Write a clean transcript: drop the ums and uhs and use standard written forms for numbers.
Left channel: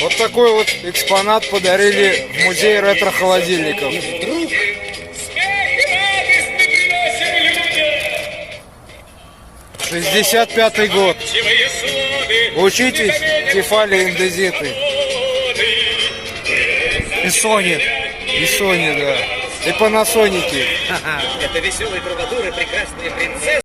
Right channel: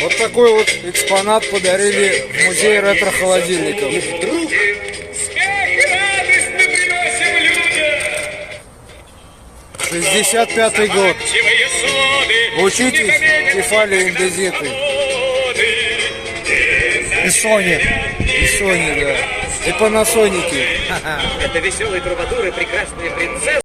Вот такой вот экспонат подарили в музей ретро-холодильников. 65-й год. Учитесь, Тефали, индезиты. И Sony, да. И Panasonic. Это веселые трубадуры, прекрасные принцессы.